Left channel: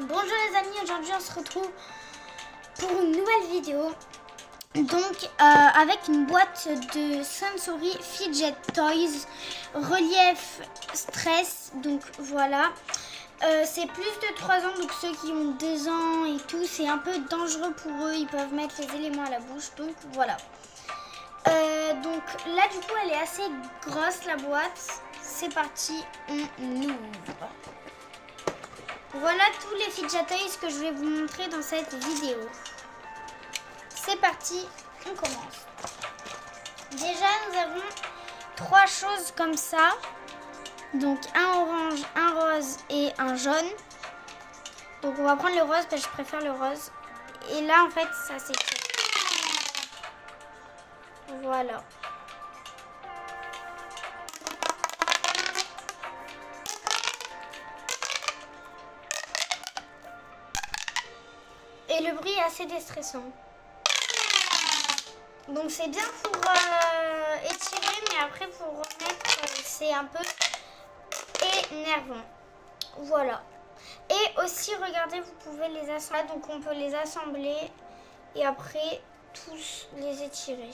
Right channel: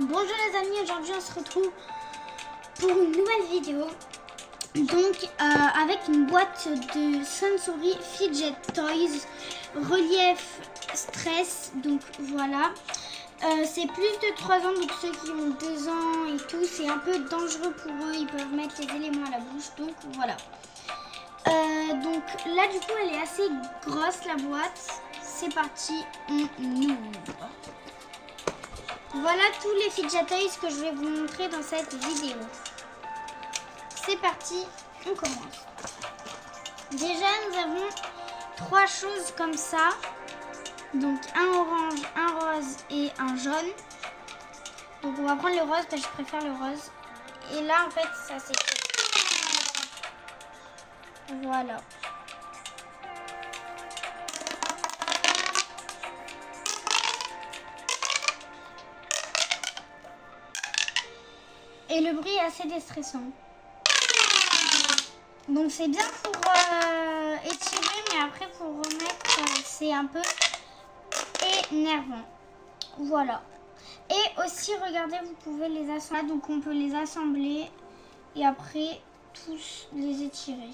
Bonjour les amis, aujourd'hui on se retrouve pour une nouvelle vidéo. Donc avec une boîte de Sensory Fidget Toys relief stress. Donc voilà, c'est plus de 3 ans, donc ceux qui ont 2 ans et tout, c'est un peu dangereux pour eux, ils peuvent mettre les éléments à la bouche. Donc voilà. Donc là du coup elle est assez grosse la boîte. C'est parti, on ouvre. Voilà tous les fidget toys que je vais vous montrer dans cette vidéo. C'est parti, on commence. Déjà nous avons 3 choses comme ça. Donc un orange, un rose et un jaune. Donc on va prendre le rose parce que je préfère le rose. Et là en fait ça c'est... Voilà. Et le bruit est assez déstressant. Donc c'est bien pour étirer, mais après pour remettre, c'est un peu énervant. Voilà. Et aussi, regardez, vous pouvez les assembler. Donc on peut les assembler et après tous les étirer.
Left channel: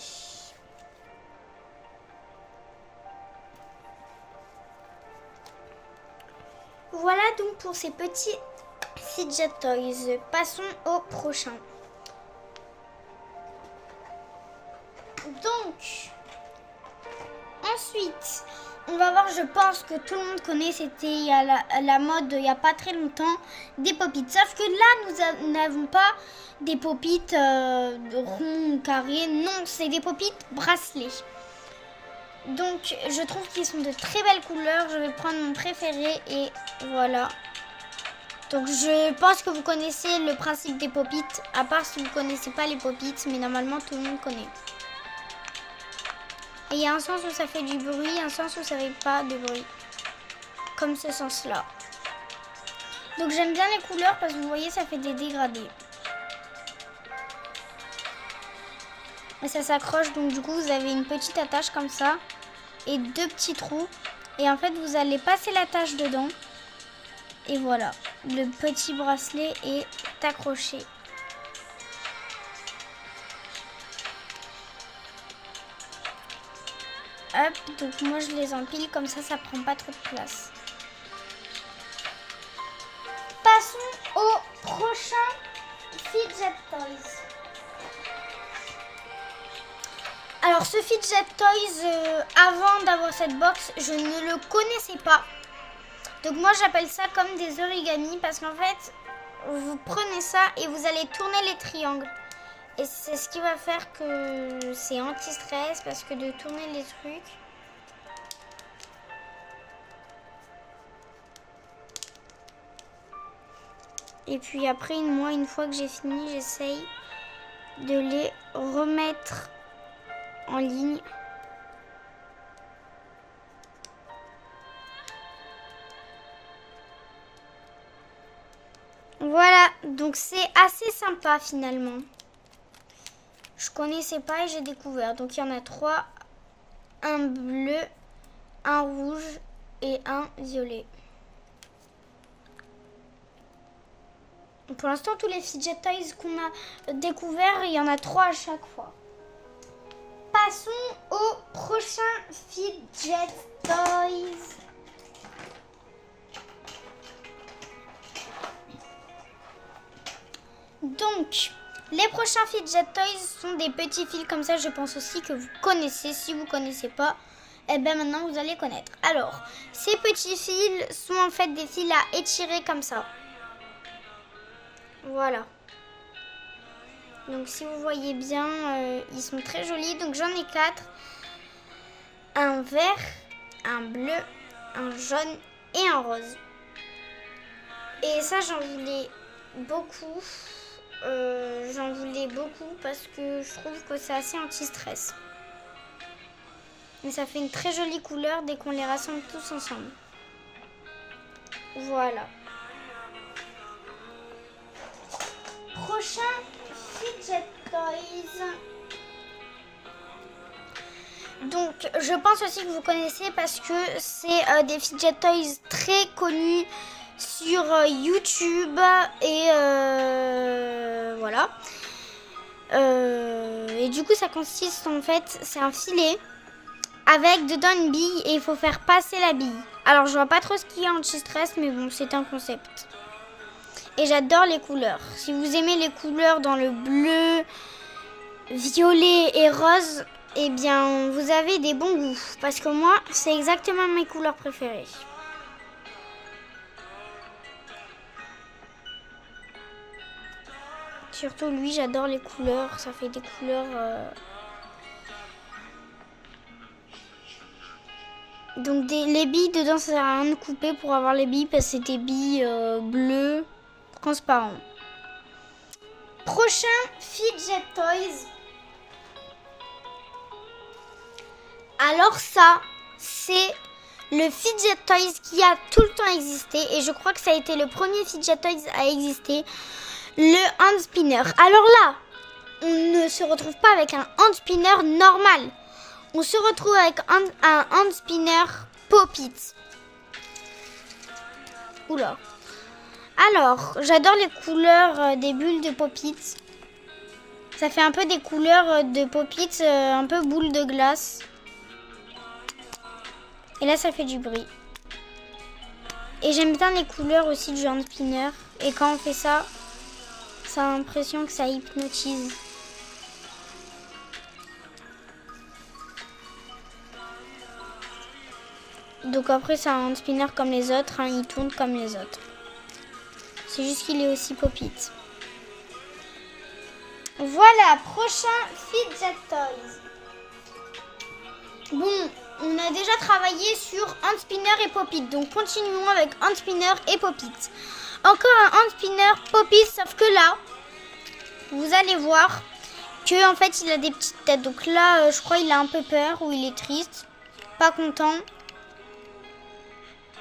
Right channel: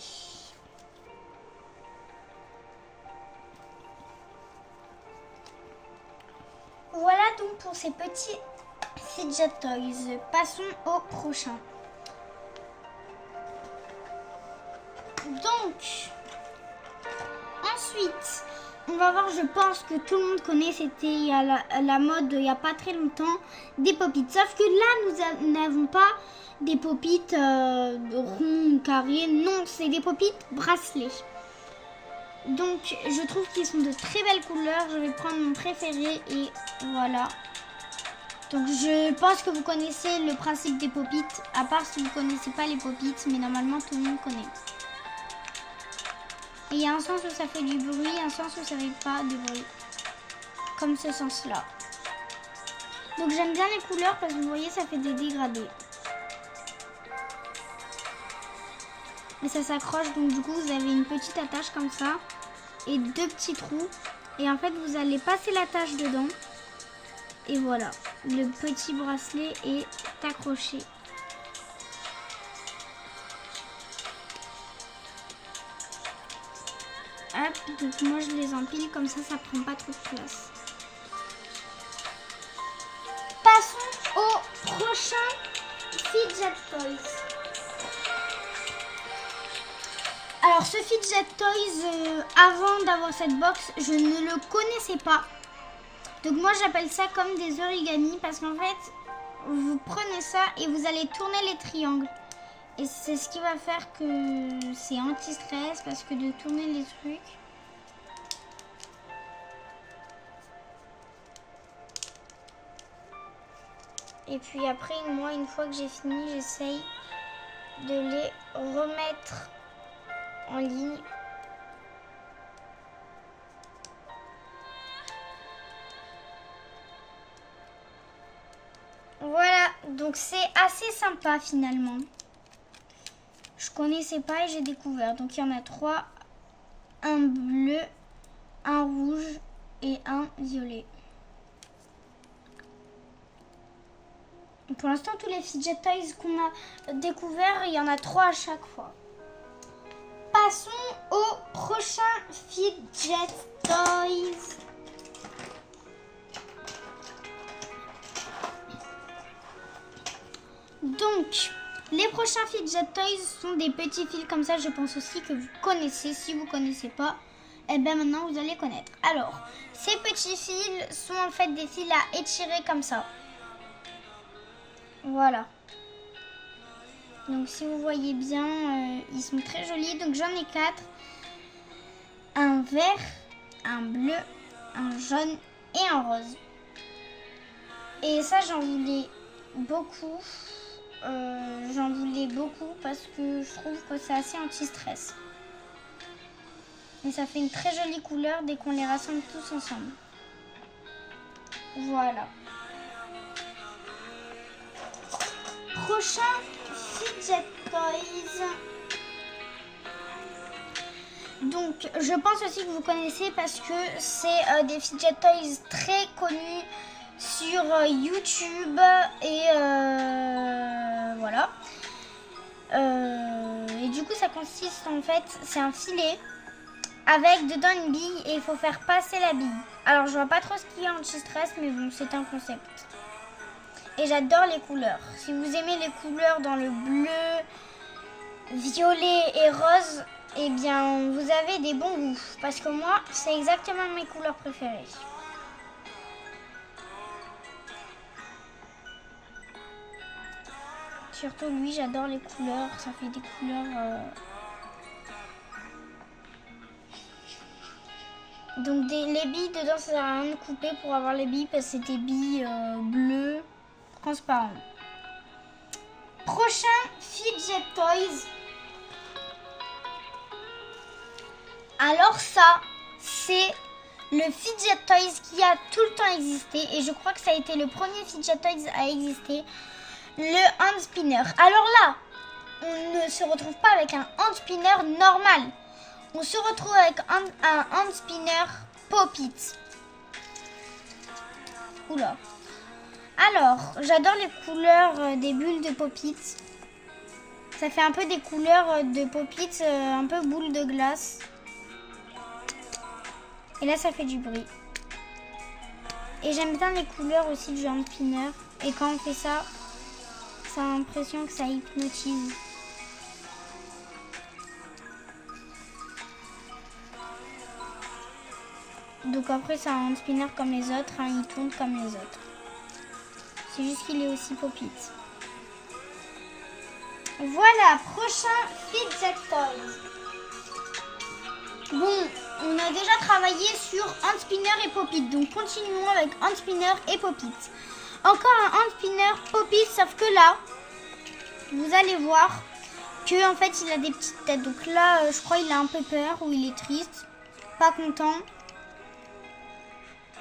Voilà donc pour ces petits fidget toys. Passons au prochain. Donc, ensuite, on va voir, je pense que tout le monde connaît, c'était à la mode il n'y a pas très longtemps, des pop-it. Sauf que là, nous n'avons pas des pop-it ronds, carrés. Non, c'est des pop-it bracelets. Donc, je trouve qu'ils sont de très belles couleurs. Je vais prendre mon préféré et voilà. Donc, je pense que vous connaissez le principe des pop-it, à part si vous ne connaissez pas les pop-it, mais normalement, tout le monde connaît. Et il y a un sens où ça fait du bruit, un sens où ça fait pas de bruit. Comme ce sens-là. Donc j'aime bien les couleurs parce que vous voyez, ça fait des dégradés. Et ça s'accroche, donc du coup vous avez une petite attache comme ça. Et 2 petits trous. Et en fait vous allez passer l'attache dedans. Et voilà, le petit bracelet est accroché. Hop, donc moi je les empile comme ça prend pas trop de place. Passons au prochain fidget toys. Alors ce fidget toys, avant d'avoir cette box, je ne le connaissais pas. Donc moi j'appelle ça comme des origamis parce qu'en fait, vous prenez ça et vous allez tourner les triangles. Et c'est ce qui va faire que c'est anti-stress parce que de tourner les trucs. Et puis après, moi, une fois que j'ai fini, j'essaye de les remettre en ligne. Voilà, donc c'est assez sympa finalement. Je connaissais pas et j'ai découvert. Donc il y en a 3. Un bleu, un rouge et un violet. Pour l'instant, tous les fidget toys qu'on a découverts, il y en a 3 à chaque fois. Passons au prochain fidget toys. Donc, les prochains fidget toys sont des petits fils comme ça. Je pense aussi que vous connaissez. Si vous ne connaissez pas, eh bien maintenant vous allez connaître. Alors, ces petits fils sont en fait des fils à étirer comme ça. Voilà. Donc si vous voyez bien, ils sont très jolis. Donc j'en ai 4. Un vert, un bleu, un jaune et un rose. Et ça j'en voulais beaucoup. Parce que je trouve que c'est assez anti-stress. Mais ça fait une très jolie couleur dès qu'on les rassemble tous ensemble. Voilà. Prochain fidget toys. Donc je pense aussi que vous connaissez parce que c'est des fidget toys très connus sur YouTube et voilà. Et du coup ça consiste en fait, c'est un filet avec dedans une bille et il faut faire passer la bille. Alors je vois pas trop ce qu'il y a anti-stress, mais bon, c'est un concept. Et j'adore les couleurs. Si vous aimez les couleurs dans le bleu, violet et rose, eh bien vous avez des bons goûts. Parce que moi, c'est exactement mes couleurs préférées. Surtout lui, j'adore les couleurs. Ça fait des couleurs... Donc les billes dedans, ça sert à rien de couper pour avoir les billes parce que c'est des billes bleues transparentes. Prochain Fidget Toys. Alors ça, c'est le Fidget Toys qui a tout le temps existé et je crois que ça a été le premier Fidget Toys à exister, le hand spinner. Alors là, on ne se retrouve pas avec un hand spinner normal. On se retrouve avec un hand spinner Pop-It. Oula. Alors, j'adore les couleurs des bulles de Pop-It. Ça fait un peu des couleurs de Pop-It, un peu boule de glace. Et là, ça fait du bruit. Et j'aime bien les couleurs aussi du hand spinner. Et quand on fait ça, ça a l'impression que ça hypnotise. Donc après, c'est un hand spinner comme les autres. Hein, il tourne comme les autres. C'est juste qu'il est aussi Pop-It. Voilà, prochain Fidget Toys. Bon, on a déjà travaillé sur hand spinner et Pop-It. Donc continuons avec hand spinner et Pop-It. Encore un hand spinner Pop-It, sauf que là, vous allez voir que en fait il a des petites têtes. Donc là, je crois qu'il a un peu peur ou il est triste, pas content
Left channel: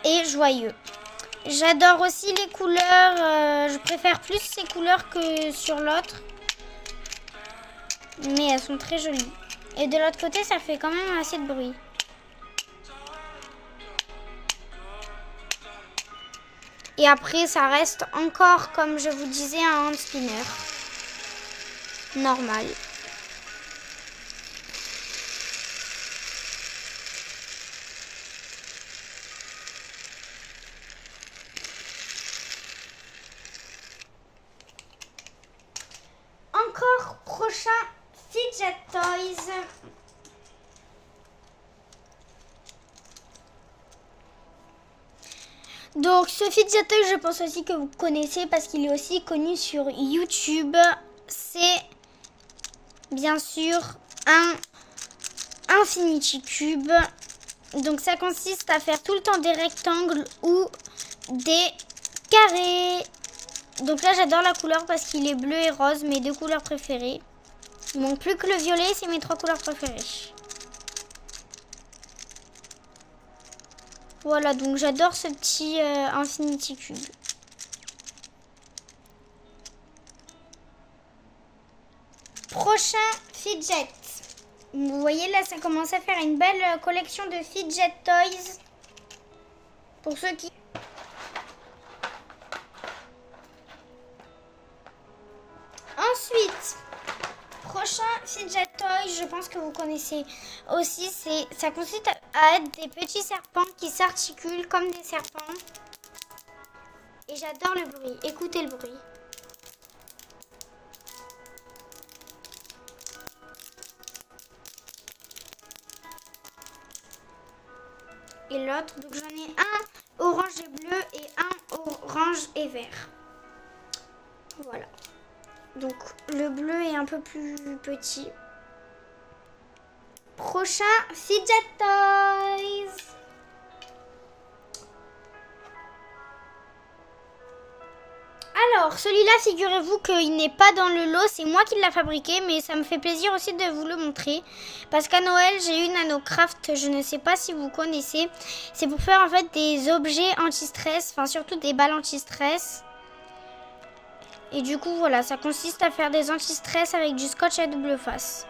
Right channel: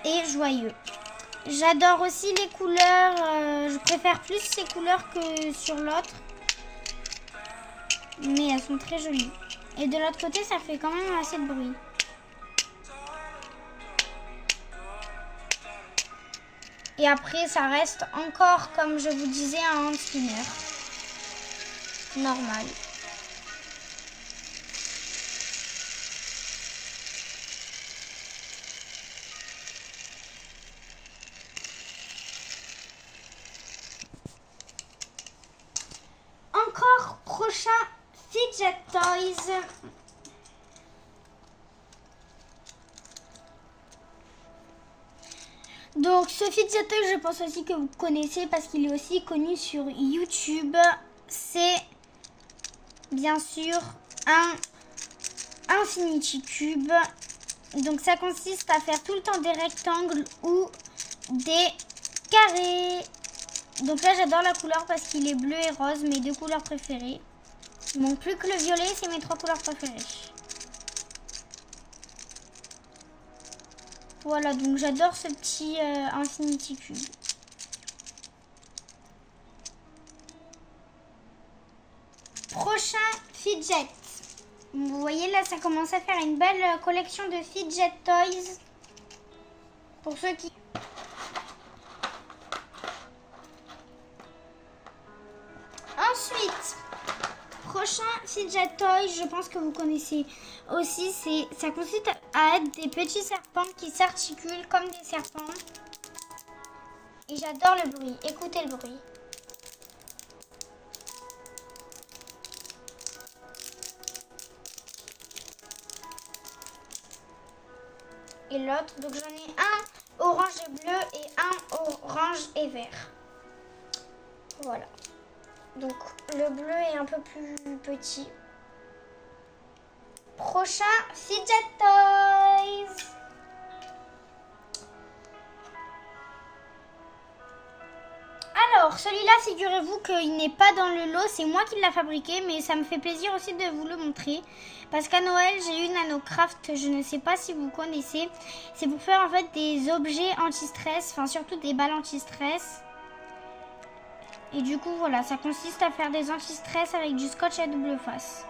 et joyeux. J'adore aussi les couleurs. Je préfère plus ces couleurs que sur l'autre, mais elles sont très jolies. Et de l'autre côté, ça fait quand même assez de bruit. Et après, ça reste encore, comme je vous disais, un hand spinner normal. Encore prochain Fidget Toys. Donc ce Fidget Toy, je pense aussi que vous connaissez parce qu'il est aussi connu sur YouTube. C'est bien sûr un Infinity Cube. Donc ça consiste à faire tout le temps des rectangles ou des carrés. Donc là j'adore la couleur parce qu'il est bleu et rose, mes deux couleurs préférées. Il manque plus que le violet, c'est mes trois couleurs préférées. Voilà, donc j'adore ce petit Infinity Cube. Prochain Fidget. Vous voyez là, ça commence à faire une belle collection de Fidget Toys. Pour ceux qui... Ensuite, prochain Fidget Toy, je pense que vous connaissez aussi, ça consiste à être des petits serpents qui s'articulent comme des serpents. Et j'adore le bruit, écoutez le bruit. Et l'autre, donc j'en ai un orange et bleu et un orange et vert. Voilà. Donc le bleu est un peu plus petit. Prochain Fidget Toys. Alors celui-là, figurez-vous qu'il n'est pas dans le lot, c'est moi qui l'ai fabriqué, mais ça me fait plaisir aussi de vous le montrer. Parce qu'à Noël, j'ai eu NanoCraft, je ne sais pas si vous connaissez. C'est pour faire en fait des objets anti-stress, enfin surtout des balles anti-stress. Et du coup, voilà, ça consiste à faire des anti-stress avec du scotch à double face.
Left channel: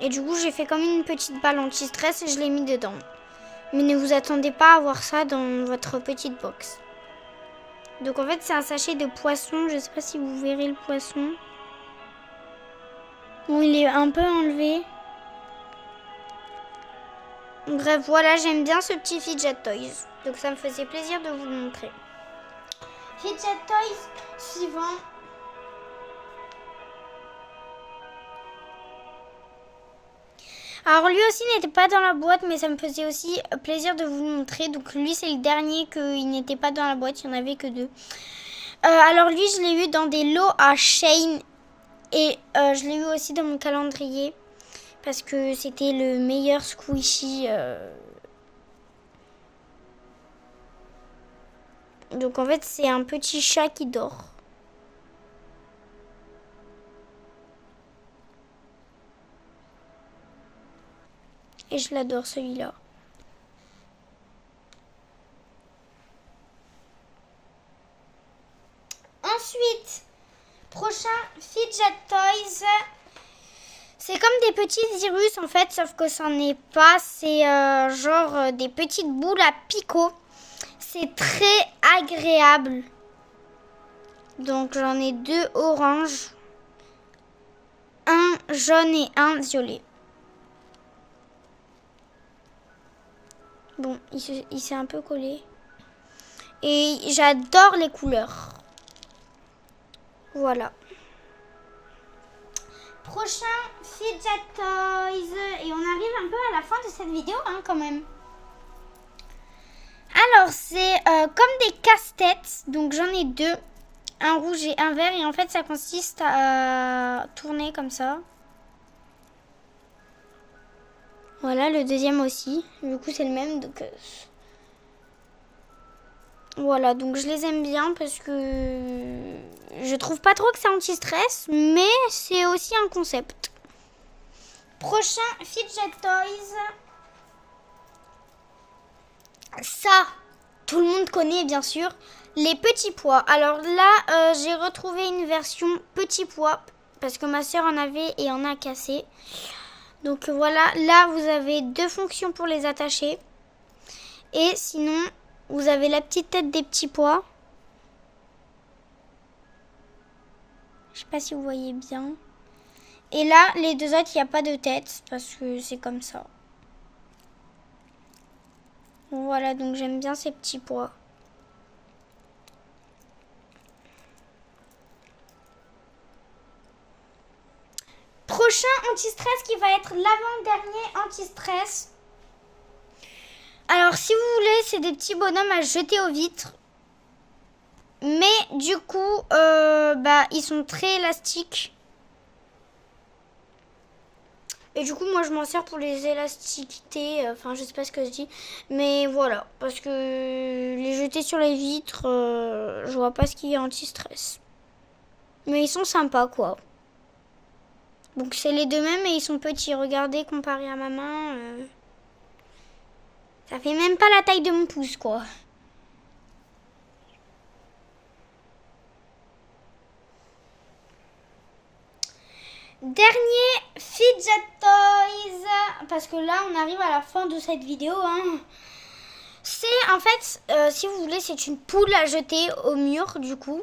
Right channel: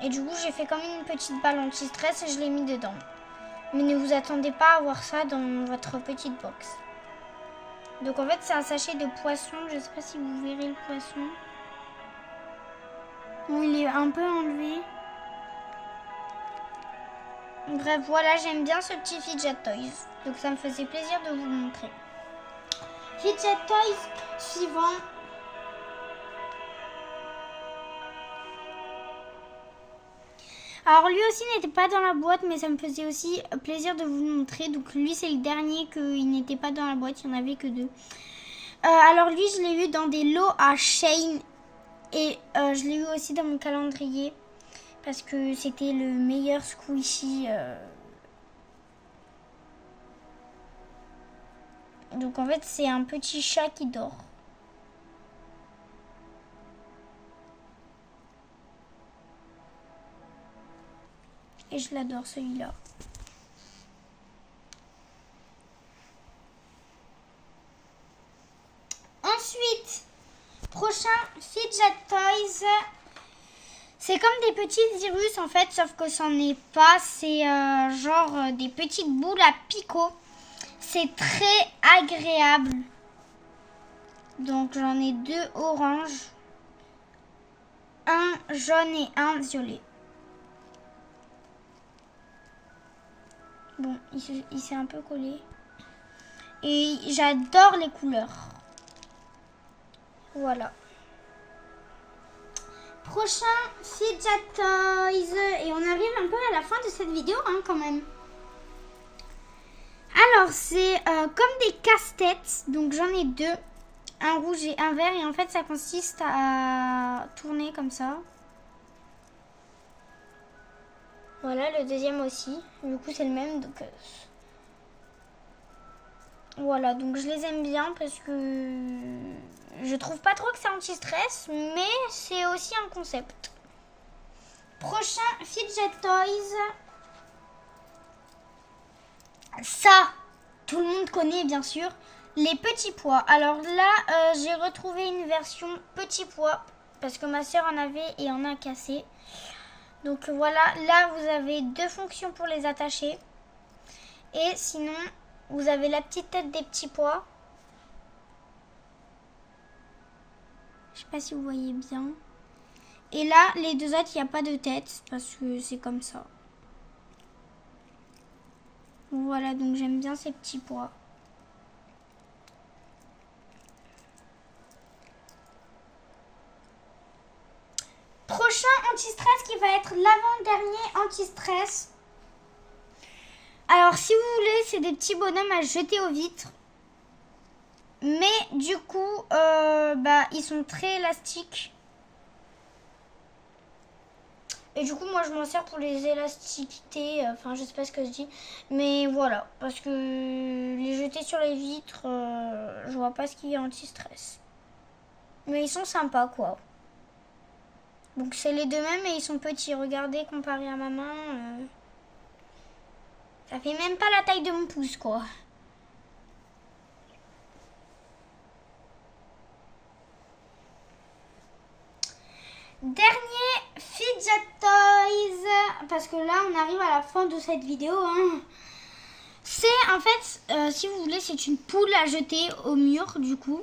Et du coup, j'ai fait comme une petite balle anti-stress et je l'ai mis dedans. Mais ne vous attendez pas à voir ça dans votre petite box. Donc en fait, c'est un sachet de poisson. Je sais pas si vous verrez le poisson. Bon, il est un peu enlevé. Bref, voilà, j'aime bien ce petit Fidget Toys. Donc ça me faisait plaisir de vous le montrer. Fidget Toys suivant. Alors lui aussi n'était pas dans la boîte, mais ça me faisait aussi plaisir de vous le montrer. Donc lui c'est le dernier qu'il n'était pas dans la boîte, il n'y en avait que 2. Alors lui je l'ai eu dans des lots à Shein et je l'ai eu aussi dans mon calendrier parce que c'était le meilleur squishy. Donc en fait c'est un petit chat qui dort. Et je l'adore celui-là. Ensuite, prochain Fidget Toys. C'est comme des petits virus en fait, sauf que c'en est pas. C'est genre des petites boules à picot. C'est très agréable. Donc j'en ai 2 oranges, un jaune et un violet. Bon, il s'est un peu collé. Et j'adore les couleurs. Voilà. Prochain Fidget Toys. Et on arrive un peu à la fin de cette vidéo hein, quand même. Alors c'est comme des casse-têtes. Donc j'en ai 2. Un rouge et un vert. Et en fait ça consiste à tourner comme ça. Voilà, le deuxième aussi. Du coup, c'est le même. Donc, voilà, donc je les aime bien parce que je trouve pas trop que c'est anti-stress, mais c'est aussi un concept. Prochain Fidget Toys. Ça, tout le monde connaît bien sûr. Les petits pois. Alors là, j'ai retrouvé une version petit pois parce que ma soeur en avait et en a cassé. Donc voilà, là vous avez 2 fonctions pour les attacher. Et sinon, vous avez la petite tête des petits pois. Je sais pas si vous voyez bien. Et là, les 2 autres, il n'y a pas de tête parce que c'est comme ça. Voilà, donc j'aime bien ces petits pois. Prochain anti-stress qui va être l'avant-dernier anti-stress. Alors si vous voulez, c'est des petits bonhommes à jeter aux vitres. Mais du coup, ils sont très élastiques. Et du coup, moi je m'en sers pour les élasticités. Enfin, je sais pas ce que je dis. Mais voilà, parce que les jeter sur les vitres, je vois pas ce qui est anti-stress. Mais ils sont sympas quoi. Donc c'est les 2 mêmes et ils sont petits. Regardez, comparé à ma main, ça fait même pas la taille de mon pouce quoi. Dernier Fidget Toys. Parce que là on arrive à la fin de cette vidéo hein. C'est en fait, si vous voulez, c'est une poule à jeter au mur du coup.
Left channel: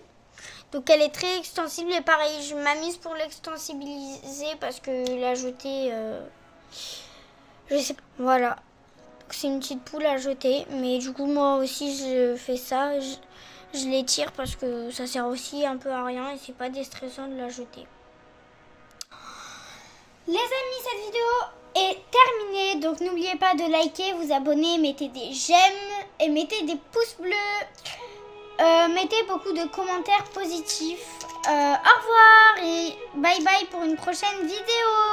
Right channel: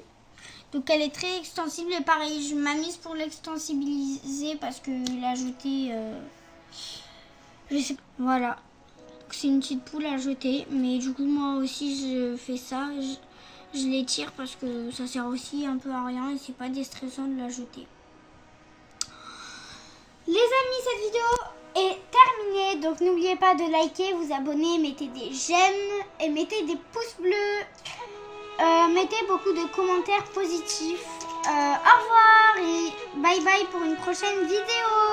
Donc elle est très extensible et pareil, je m'amuse pour l'extensibiliser parce que la jeter, je sais pas. Voilà, c'est une petite poule à jeter, mais du coup moi aussi je fais ça, je les tire parce que ça sert aussi un peu à rien et c'est pas déstressant de la jeter. Les amis, cette vidéo est terminée, donc n'oubliez pas de liker, vous abonner, mettez des j'aime et mettez des pouces bleus. Mettez beaucoup de commentaires positifs. Au revoir et bye bye pour une prochaine vidéo.